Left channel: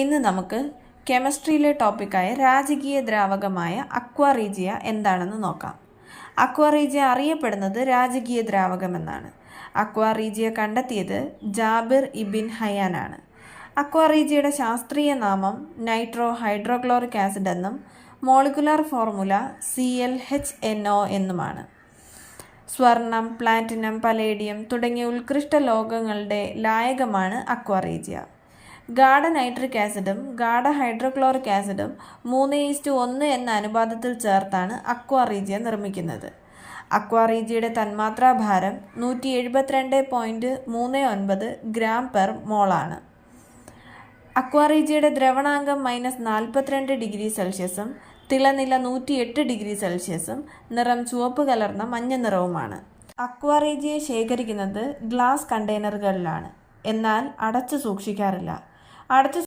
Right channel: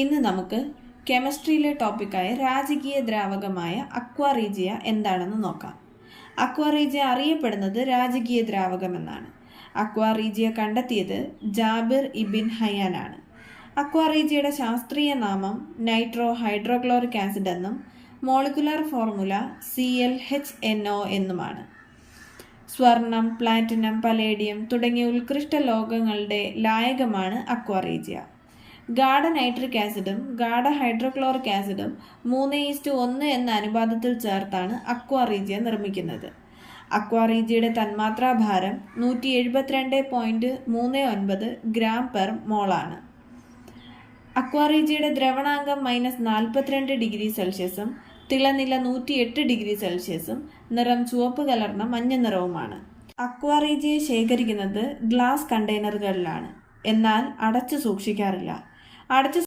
ഇന്ന് നമുക്ക് കെമിസ്ട്രിയിലെ ടോപ്പിക്കായ രാജകീയ ദ്രാവകമായ അക്വാറീജിയ എന്താണെന്ന് നോക്കാം. അക്വാറീജിയ അറിയപ്പെടുന്നത് രാജകീയ ദ്രാവകം എന്നാണ്. അക്വാറീജിയ കണ്ടെത്തിയത് ജാബിർ ഇബിൻ ഹയാനാണ് അക്വാറീജിയയുടെ ശാസ്ത്രീയ നാമം നൈട്രോ ഹൈഡ്രോക്ലോറിക് ആസിഡ് എന്നും molecular formula C L H N O എന്നുമാണ്. സ്വർണം പ്ലാറ്റിനം പലേഡിയം തുടങ്ങിയ ഉത്കൃഷ്ട ലോകങ്ങളുടെ ലായകമാണ് അക്വാറീജിയ. ഗാഢ നൈട്രിക് ആസിഡും ഗാഢ ഹൈഡ്രോക്ലോറിക് ആസിഡും മൂന്ന് ഈസ്റ്റ് ഒന്ന് എന്ന അനുപാതത്തിൽ ചേർത്താണ് അക്വാറീജിയ നിർമ്മിക്കുന്നത്. അക്വാറീജിയുടെ തന്മാത്രാ ഭാരം നൂറ്റി എഴുപത്തിരണ്ട് പോയിന്റ് മൂന്ന് ഒൻപത് ഗ്രാം പെർ മോളാണ്. അക്വാറീജിയുടെ ദ്രവണാംഗം മൈനസ് നാൽപ്പത്തിരണ്ട് ഡിഗ്രി സെൽഷ്യസും തിളനില നൂറ്റിയെട്ട് ഡിഗ്രി സെൽഷ്യസും നിറം ചുവപ്പ് കലർന്ന മഞ്ഞ നിറവുമാണ്. അക്വാറീജിയെ ശേഖരിക്കുന്നത് ഗ്ലാസ് കണ്ടെയ്നറുകളിലാണ്. എന്നാൽ അടച്ചു സൂക്ഷിക്കാറില്ല. അടച്ചു